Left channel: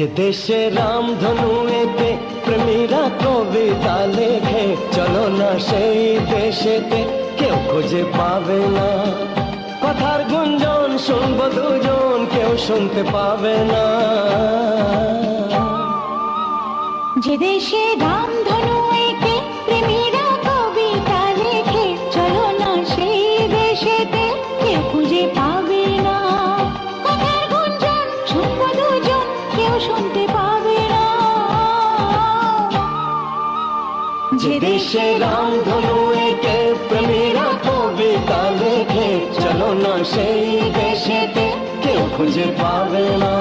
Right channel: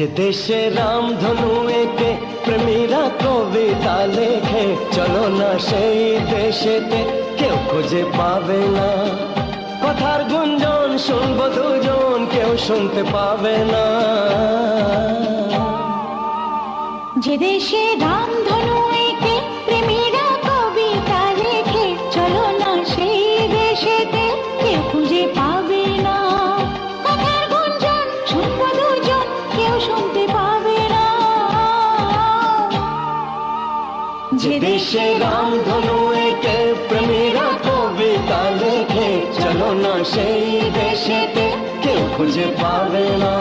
যে দেশে রামধনু এঁকে প্রেমীরা কবিতা লেখে, চলো না সেই দেশেতে, কেউ খুঁজে পাবে না। কথার গুঞ্জন শুনবো দুজন, কেউ শুনতে পাবে না। যে দেশে রামধনু এঁকে প্রেমীরা কবিতা লেখে, চলো না সেই দেশেতে, কেউ খুঁজে পাবে না। কথার গুঞ্জন শুনবো দুজন, কেউ শুনতে পাবে না। যে দেশে রামধনু এঁকে প্রেমীরা কবিতা লেখে, চলো না সেই দেশেতে, কেউ খুঁজে পাবে না।